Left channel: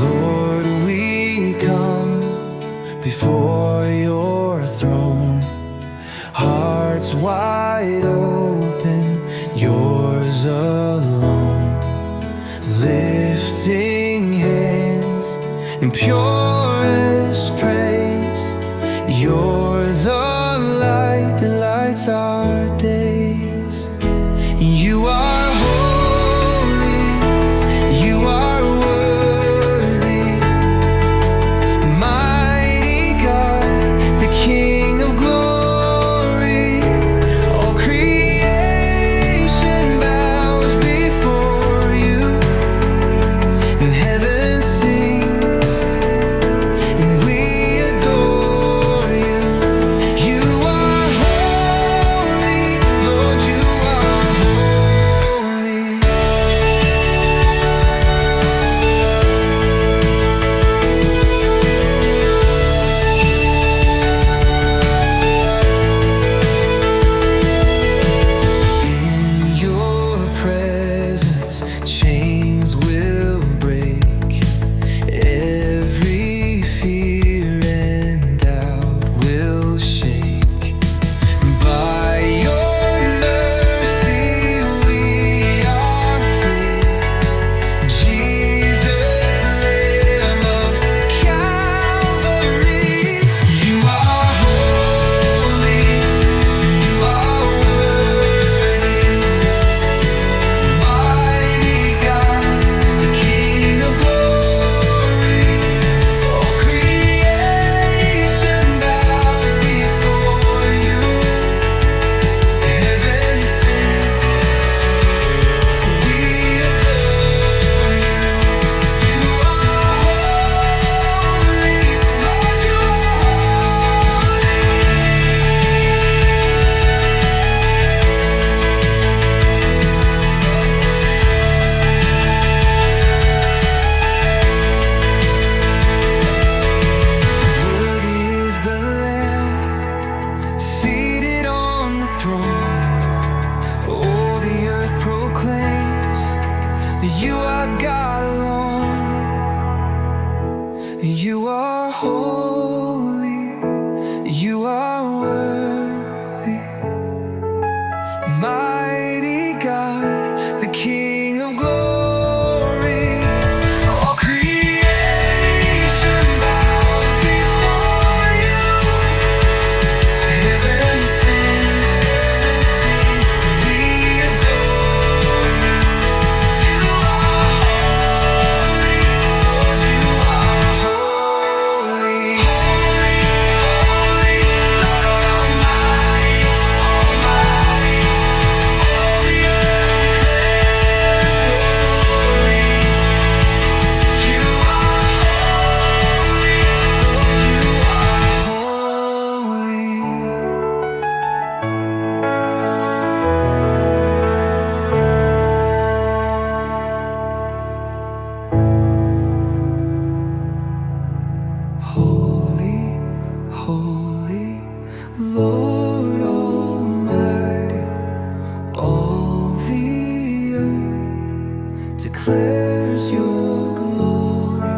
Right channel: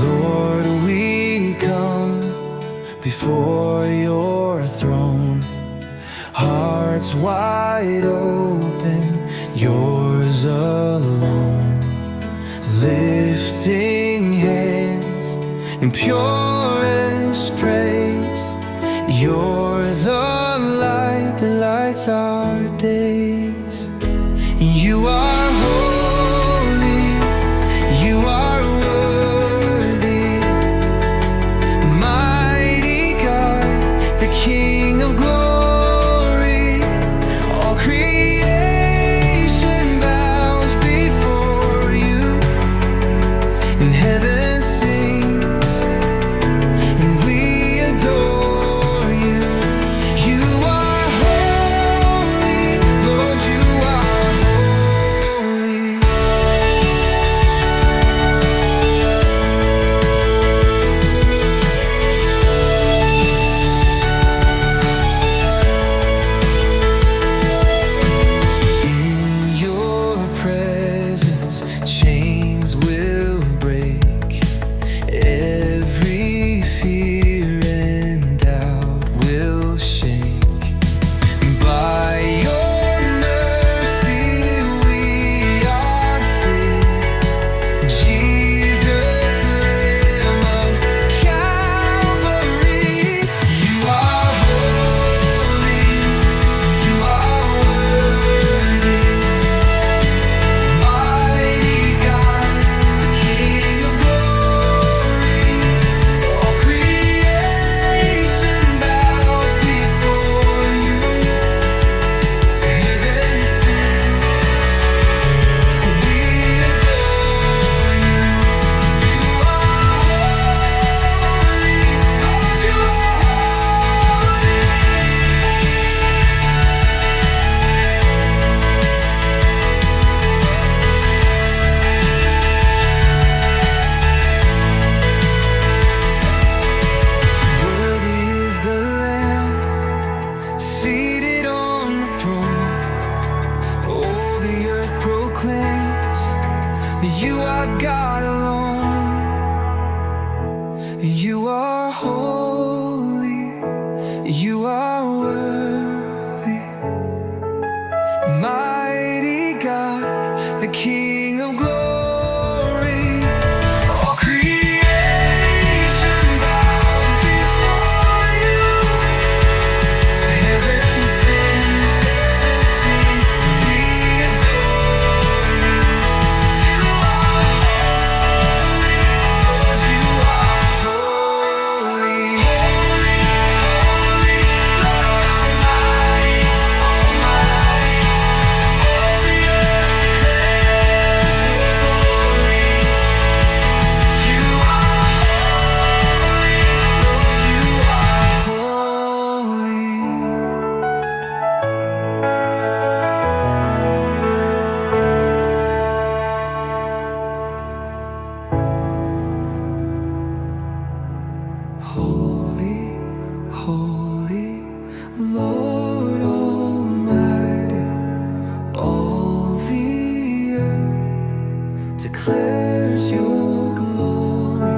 Lord, we come before your throne, hearts wide open, yours alone, lifting hands in purest praise. You're the light that lights our days. You are holy, you are worthy, mighty God, the King of glory. All creation bows before you, and heaven sings, and we adore you. You are holy, Lord, you are holy. In your presence, chains will break. Every fear and doubt will shake. By your mercy we are free. Jesus, Lamb of Calvary. You are holy, you are worthy, mighty God, the King of glory. All creation bows before you, heaven sings, we adore you. You are holy, Lord, you are Worthy is the Lamb seated on the throne. Oh, the earth proclaims that you are God alone. You are holy, you are worthy, mighty God, the King of glory. All creation bows before you, heaven sings, we adore you. You are holy, Lord, you are holy. Holy, holy, Lord Almighty, Almighty. All the earth declares your glory. You are holy, Lord, you are holy. Holy, holy, Lord Almighty, all the earth declares your glory.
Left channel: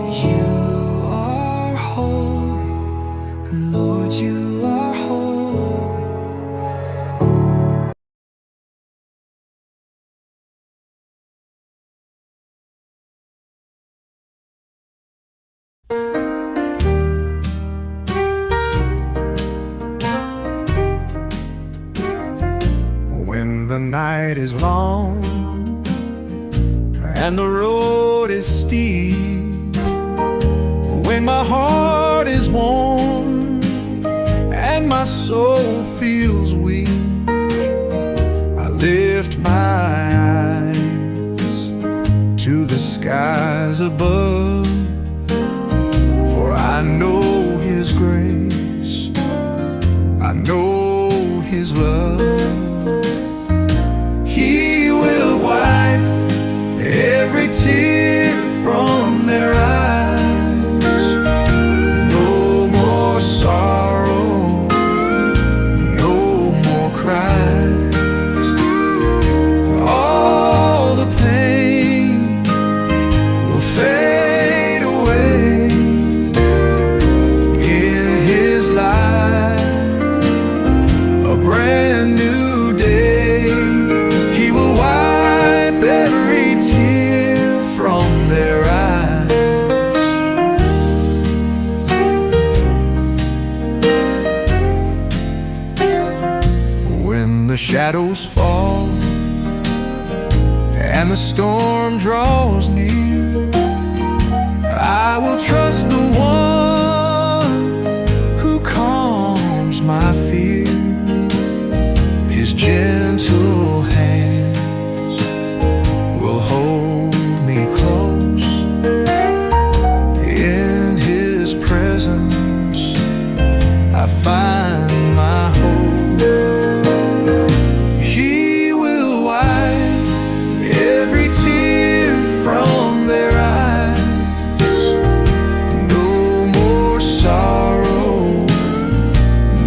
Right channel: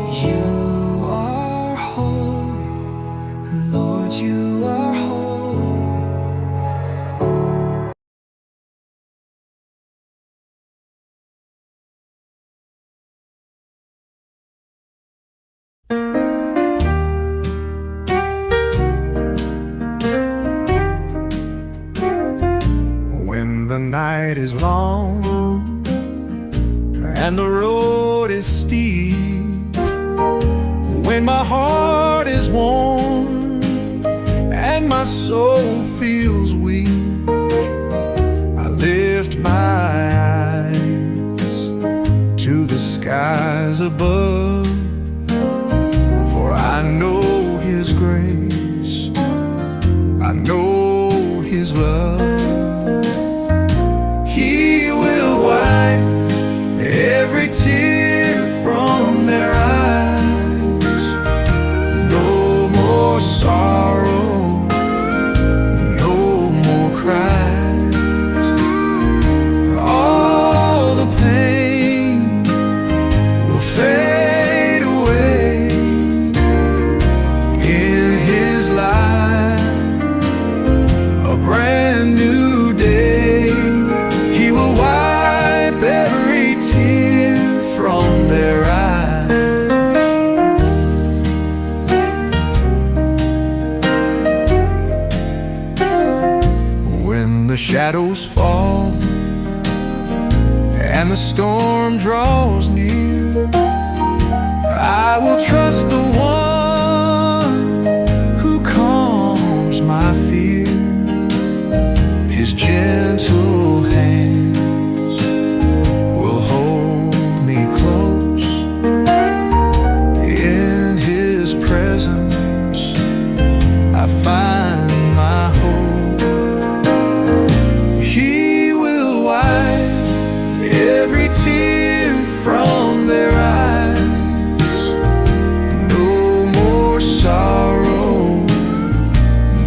You are holy, Lord, you are holy. When the night is long and the road is steep, when my heart is worn and my soul feels weak, I lift my eyes to the skies above, for I know His grace, I know His love. He will wipe every tear from their eyes. No more sorrow, no more cries. All the pain will fade the shadows fall and the storm draws near, I will trust the one who calms my fear. His gentle hands will hold me close. In His presence I find my hope. He will wipe every tear from their eyes. No more sorrow,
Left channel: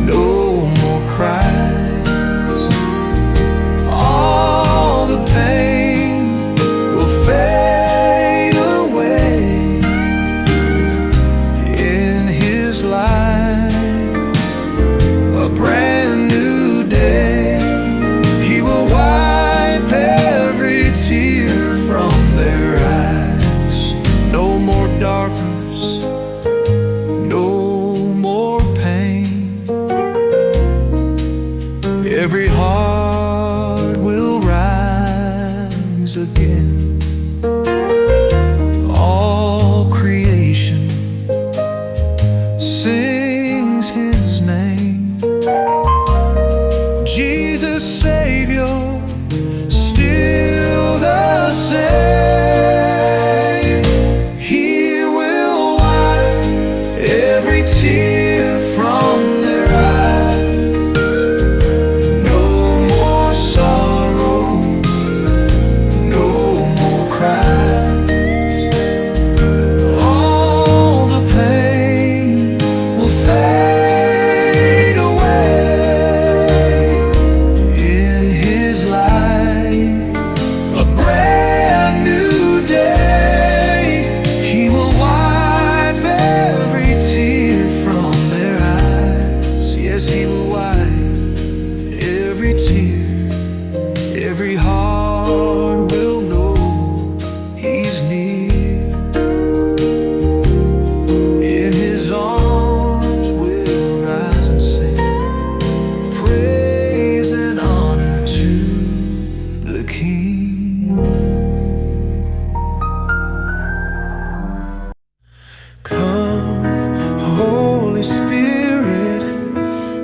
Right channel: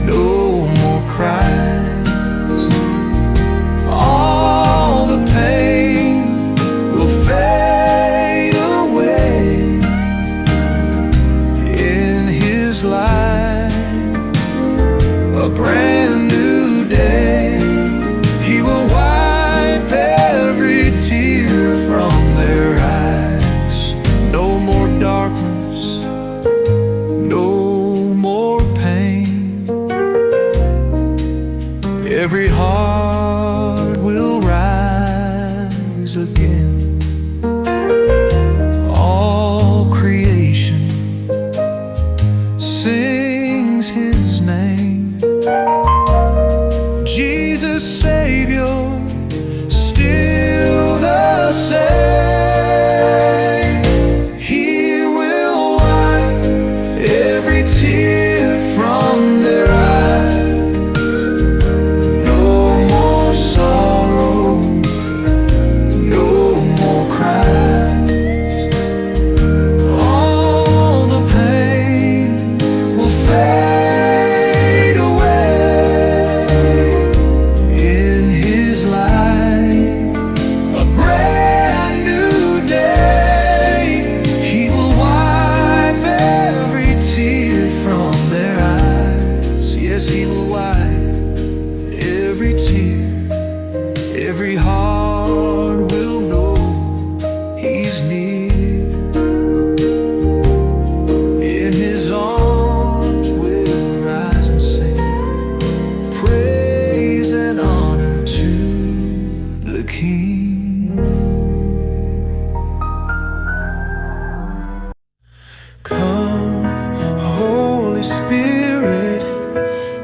no more cries. All the pain will fade away. In His light, a brand new day. He will wipe every tear from their eyes. No more darkness, no more pain. Every heart will rise again. All creation sings His name. Jesus Savior, still the same. He will wipe every tear from their eyes. No more sorrow, no more cries. All the pain will fade away. In His light, a brand new day. He will wipe every tear from their eyes. Yes, He will wipe every tear. Every heart will know He's near. In His arms we'll rise and sing praise and honor to the King. Come, Holy Spirit,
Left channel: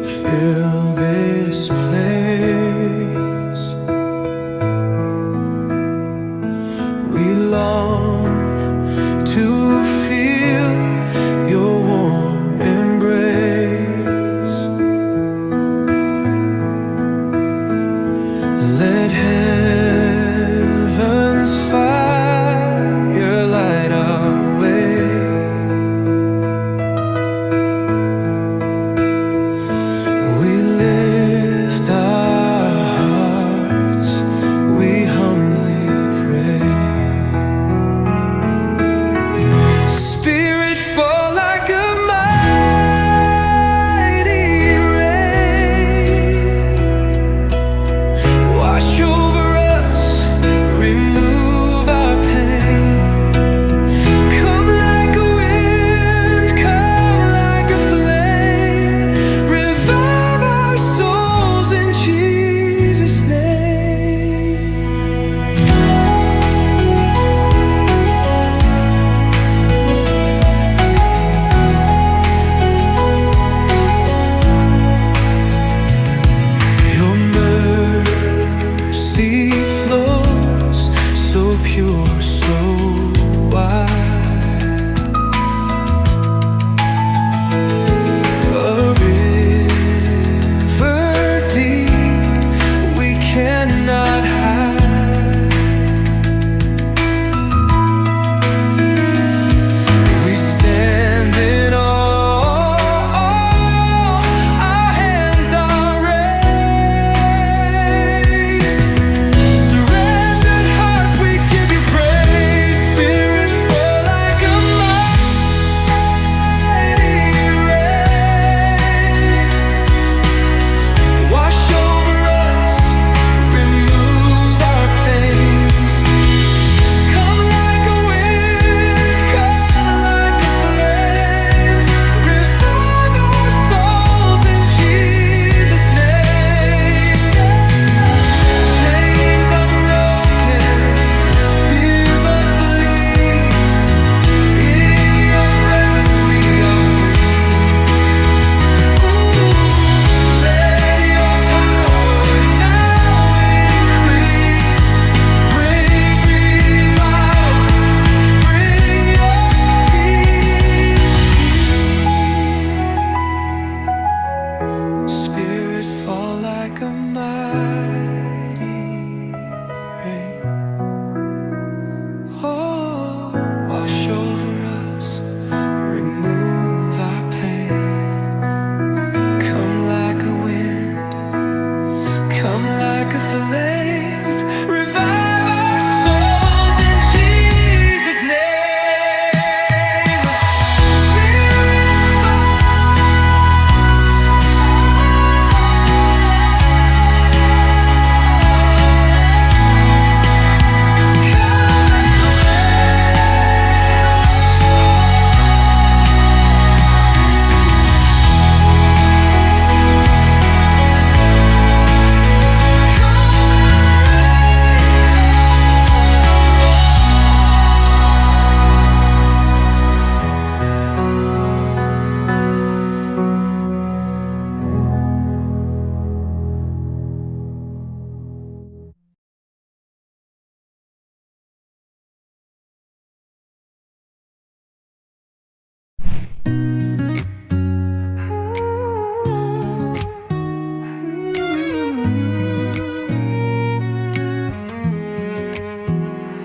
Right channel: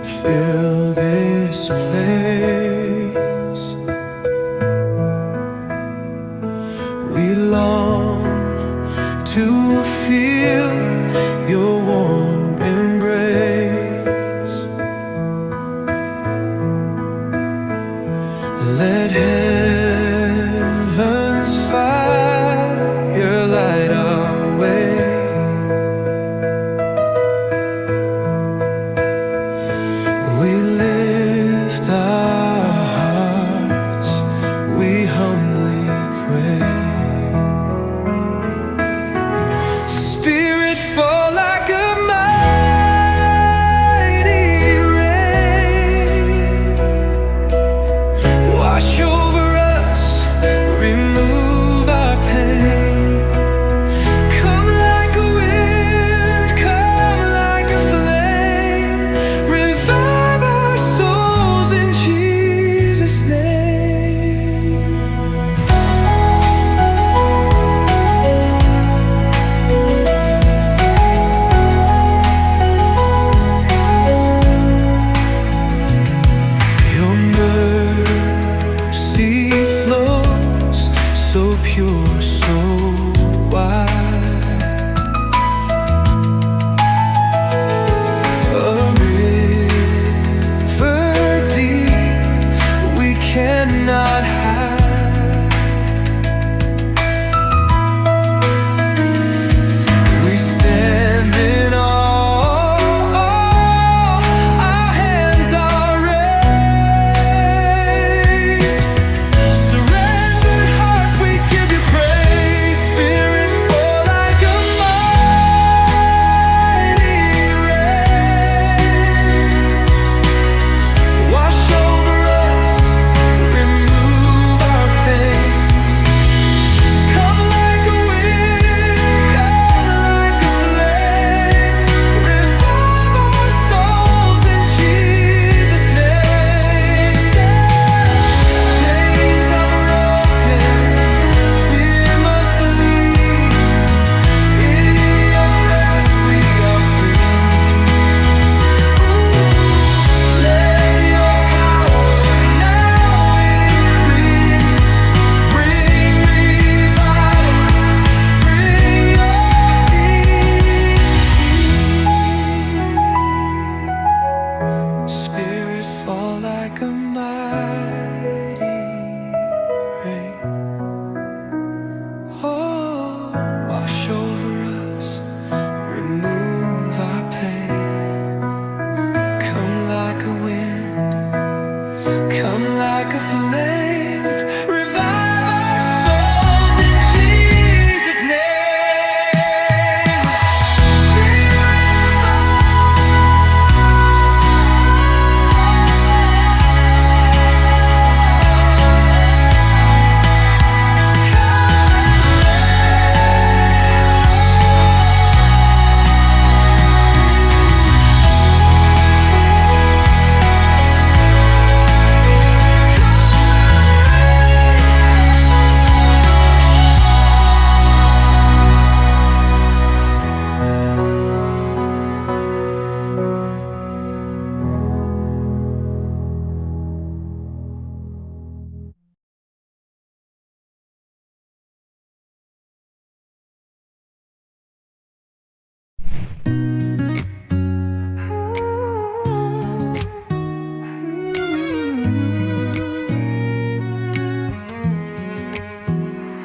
fill this place. We long to feel Your warm embrace. Let heaven's fire light our way. We lift our hearts, we humbly pray. Spirit, fall like a mighty rain. Wash over us, remove our pain. Come like a wind, come like a flame. Revive our souls in Jesus' name. Your mercy flows so pure, so wide. A river deep we cannot hide. We stand in awe. Our hands are raised. Surrendered hearts, we give You praise. Spirit, fall like a mighty rain. Wash over us, remove our Come like a flame, revive our souls in Jesus' name. Spirit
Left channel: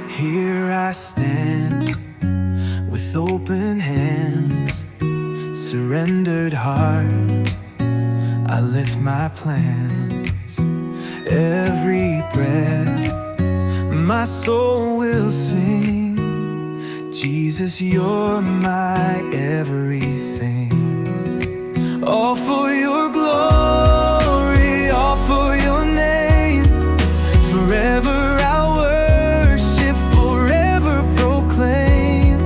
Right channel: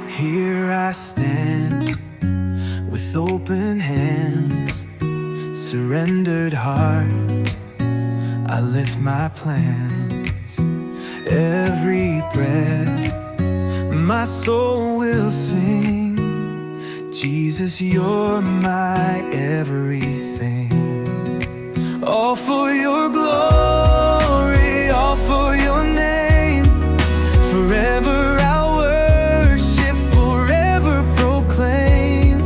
Here I stand with open hands, surrendered heart, I lift my plans. Every breath my soul will sing, Jesus, you're my everything. All for your glory, all for your name. Forever I'll worship, forever proclaim.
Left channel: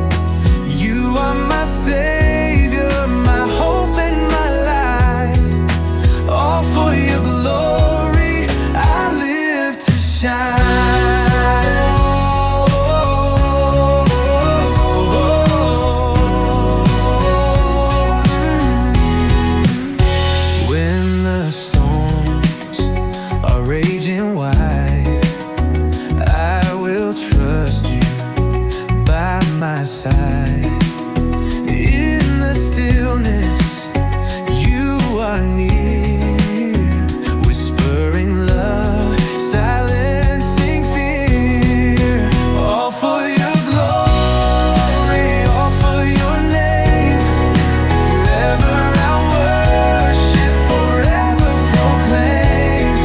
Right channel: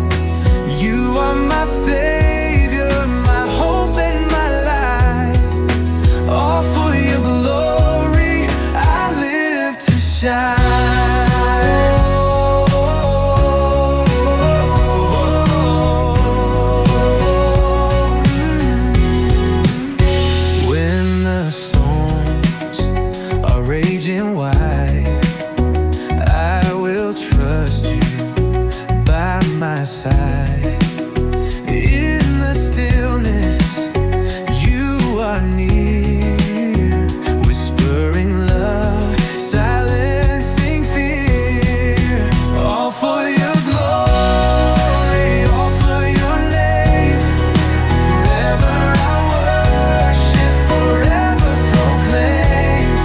You are my Savior, my hope and my life. All for your glory, I live to shine. When the storms are raging wide, I will trust you by my side. In the stillness, you are near, whispering love, silencing fear. All for your glory, all for your name. Forever I'll worship, forever proclaim.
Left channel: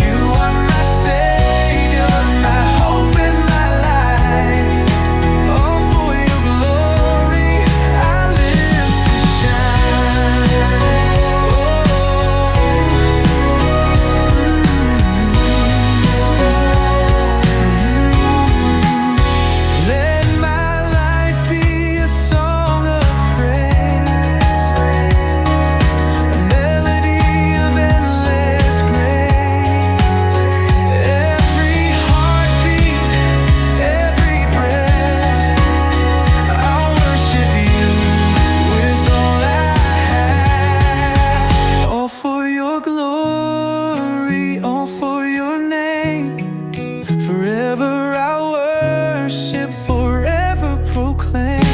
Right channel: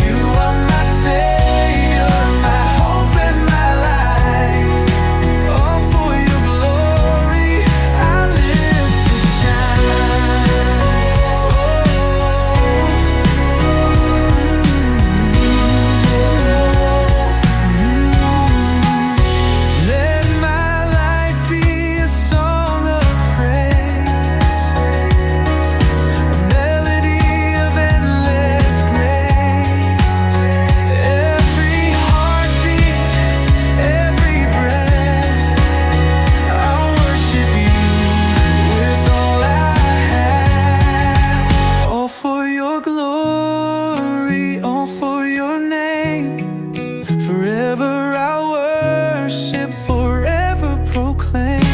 You are my Savior, my hope and my life. All for your glory, I live to shine. Oh, Let my life be a song of praise, a melody of endless grace. Every heartbeat, every breath, I'll worship you with all I have. All for your glory, all for your name. Forever I'll worship, forever proclaim.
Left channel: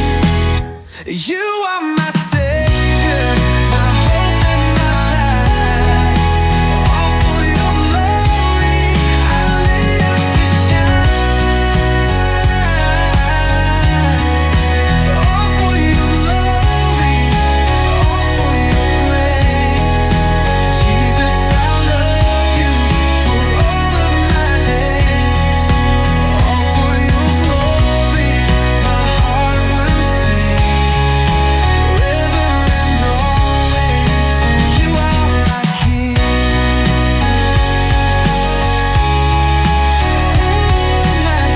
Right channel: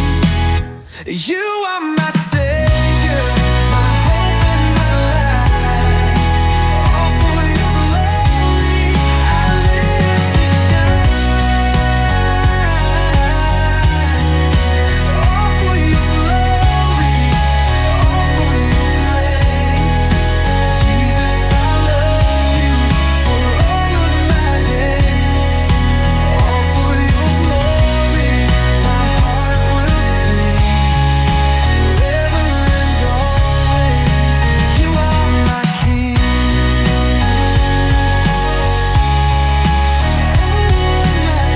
You are my Savior, my hope and my life. All for your glory, I live to shine. All for your glory, all for your praise. Jesus, I love you for all of my days. All for your glory, my heart will sing. Forever and always, you are my King. Oh, my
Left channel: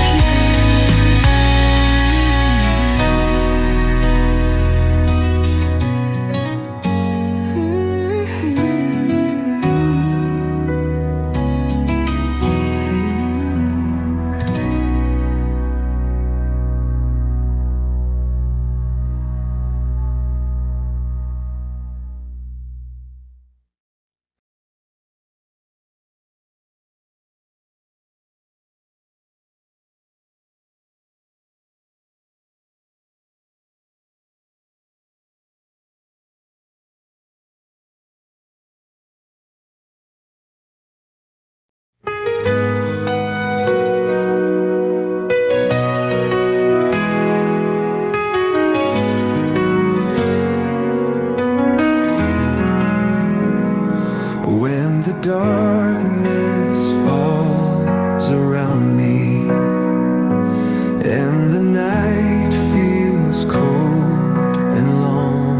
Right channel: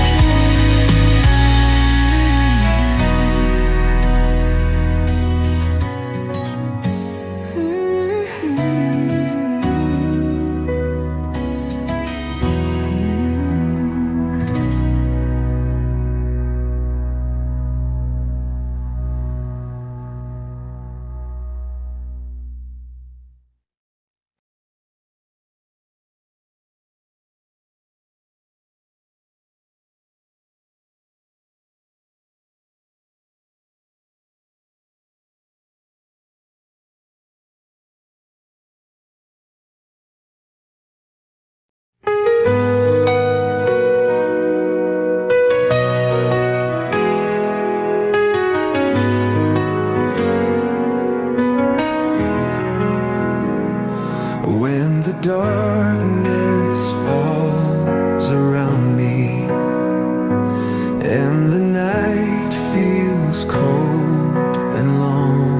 When the darkness feels cold and long,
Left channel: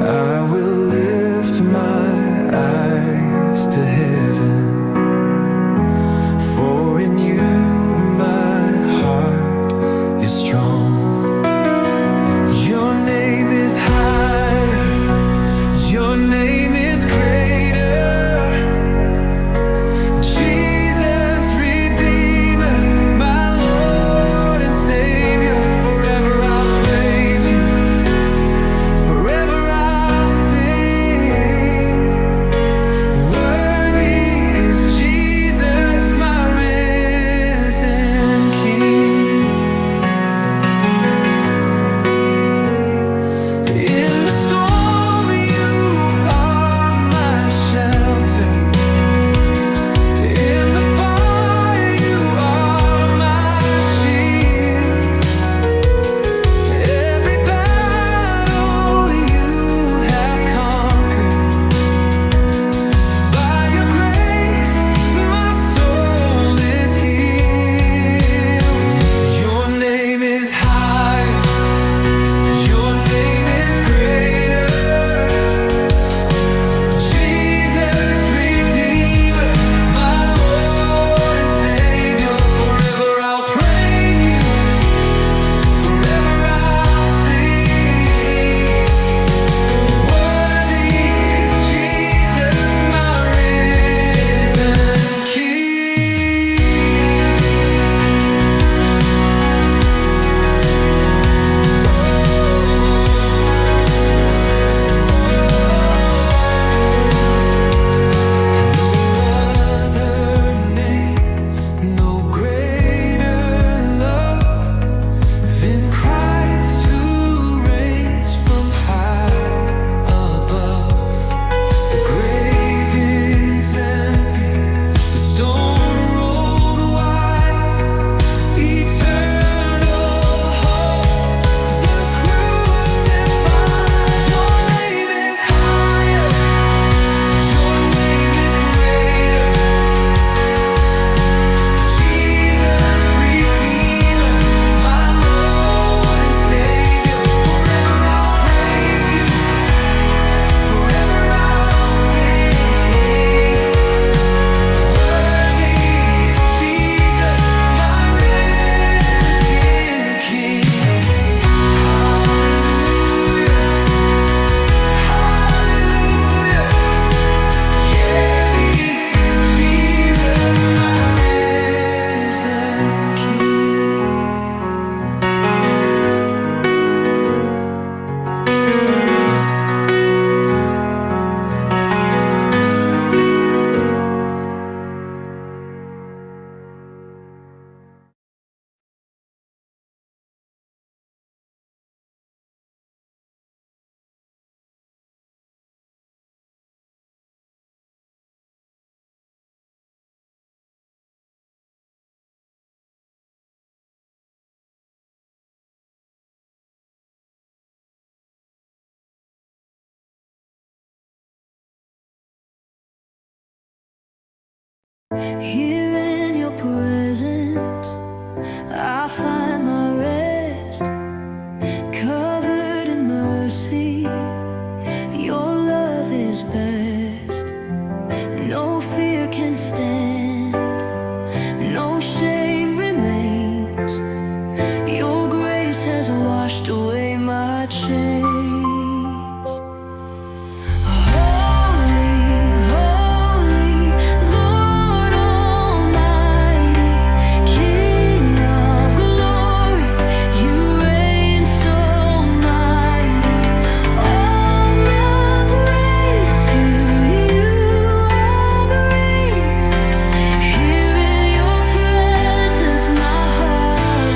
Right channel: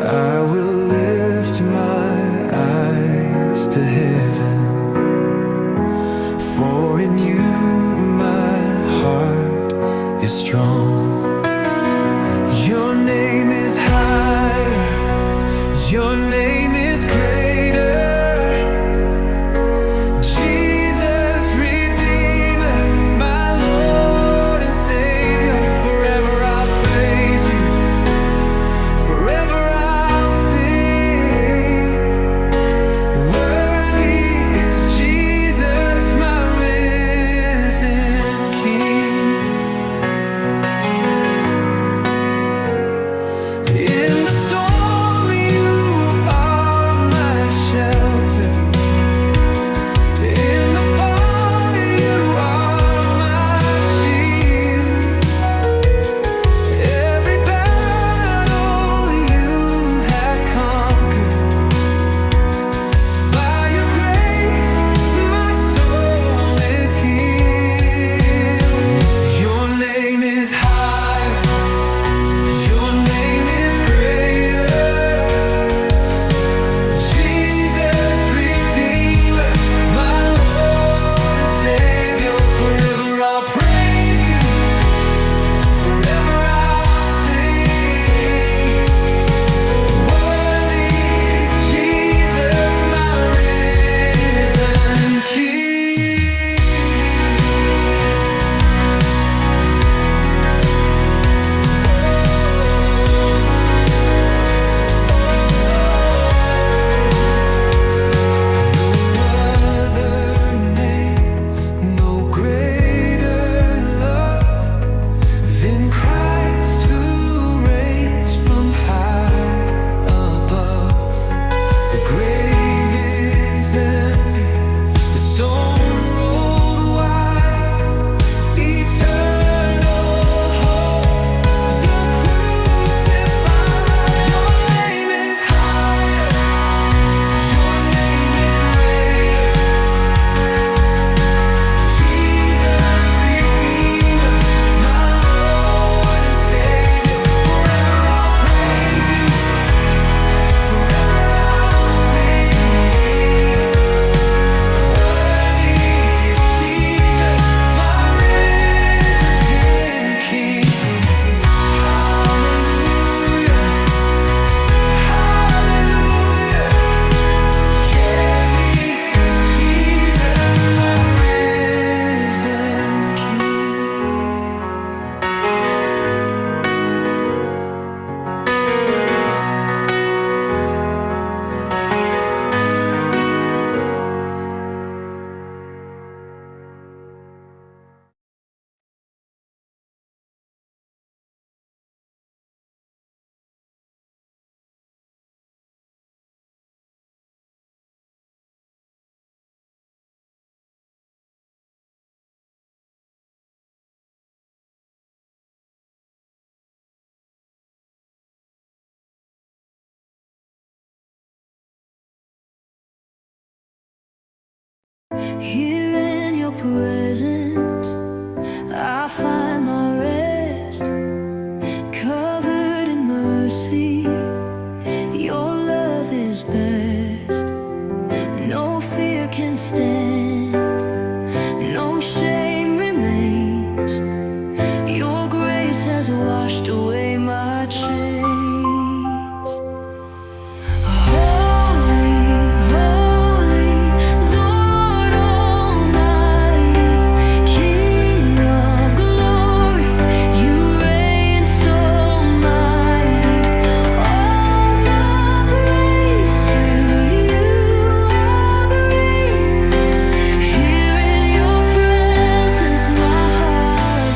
I will lift my eyes to heaven, for in you my heart is strong. Your name is higher, your name is greater, Jesus, Redeemer, my Lord and Savior. Forever I'll praise you, forever I'll sing. Worthy is Jesus, my risen King. In the storm you are my shelter, in the fire you are my shield. Every battle you have conquered, by your grace my soul is healed. Your name is higher, your name is greater, Jesus, Redeemer, my Lord and Savior. Forever I'll praise you, forever I'll sing. Worthy is Jesus, my risen King. No other name, no greater love than Christ who reigns from high above. The grave is empty, the stone rolled wide, eternal hope, the crucified. Your name is higher, your name is greater, Jesus, Redeemer, my Lord and Savior. Forever I'll praise you, forever I'll sing. Worthy is Jesus, my risen King. Hallelujah, hallelujah. Worthy is Jesus, my risen King. Here in your presence, I find my rest, covered in mercy. Your love is best. No fear can stand, no shame remains. Your grace has washed away my chains. Holy, holy, Lord Almighty, King of glory, you reign so mighty. All my praise to you I bring. Here in your presence my heart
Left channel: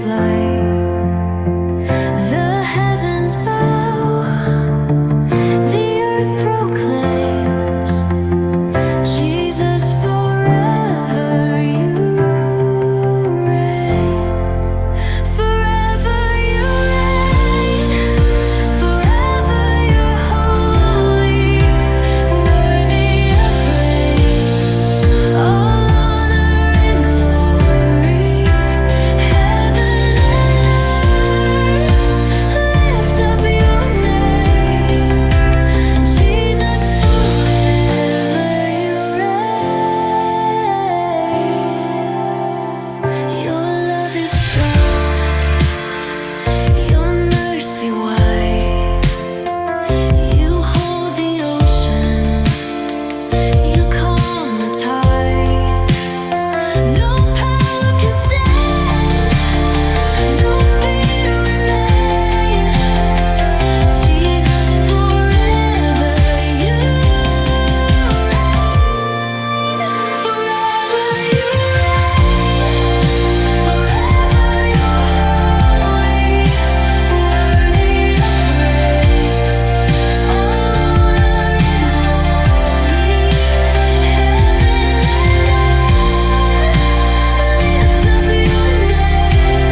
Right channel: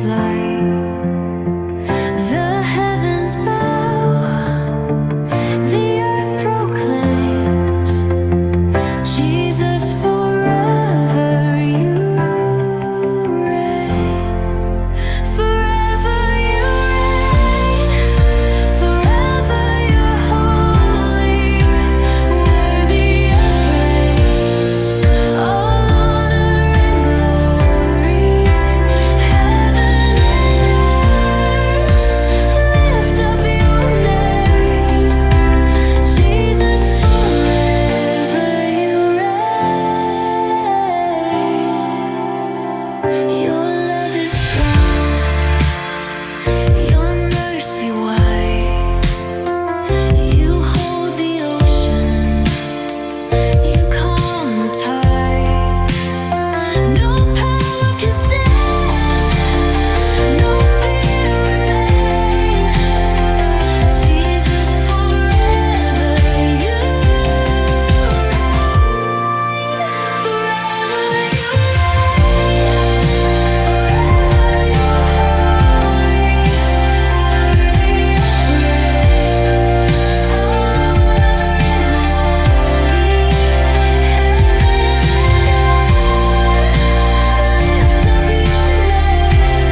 His light. The heavens bow, the earth proclaims, Jesus forever you reign. Forever you reign, forever you're holy, worthy of praise, all honor and glory. Heaven and earth lift up your name, Jesus forever you reign. Your love is strong, your mercy wide. You hold the oceans, you calm the tide. No power can stand, no fear remain. Jesus forever you reign. Forever you reign, forever you're holy, worthy of praise, all honor and glory. Heaven and earth lift up your name,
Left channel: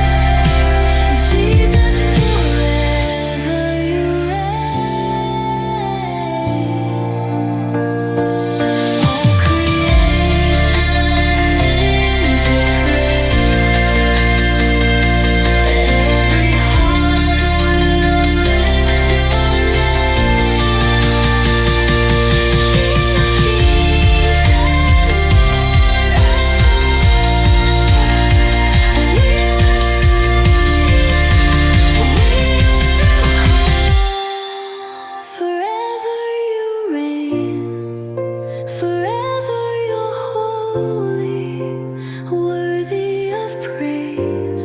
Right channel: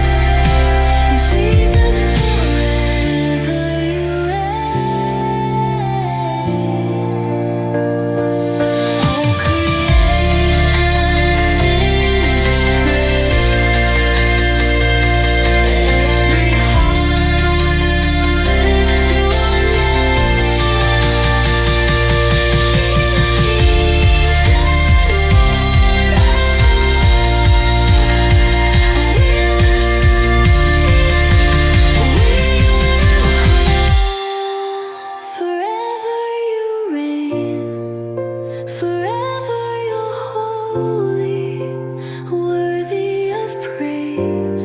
Jesus forever you reign. All creation sings your praise, every heart will lift your name. King of kings and Lord of all, we will rise, we will call. Forever you reign, forever you're holy, worthy of praise,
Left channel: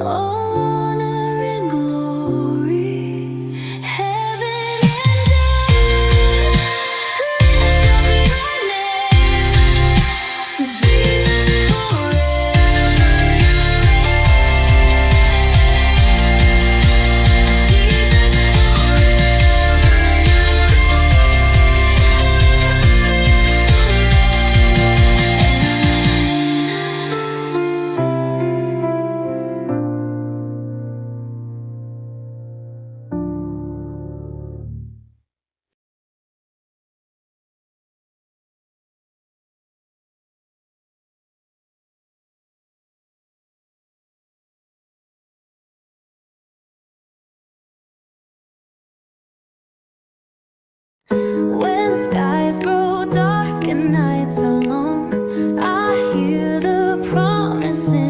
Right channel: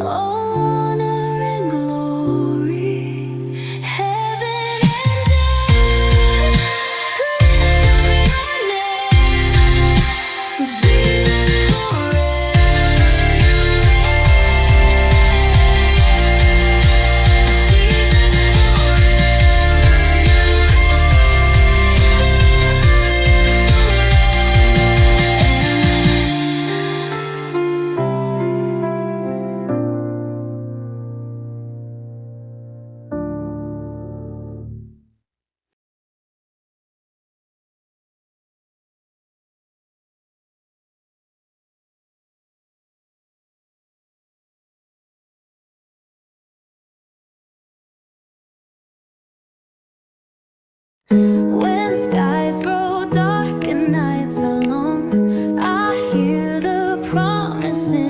all honor and glory. Heaven and earth lift up your name, Jesus forever you reign. Jesus forever you reign, forever you reign. When skies grow dark and nights are long, I hear the promise in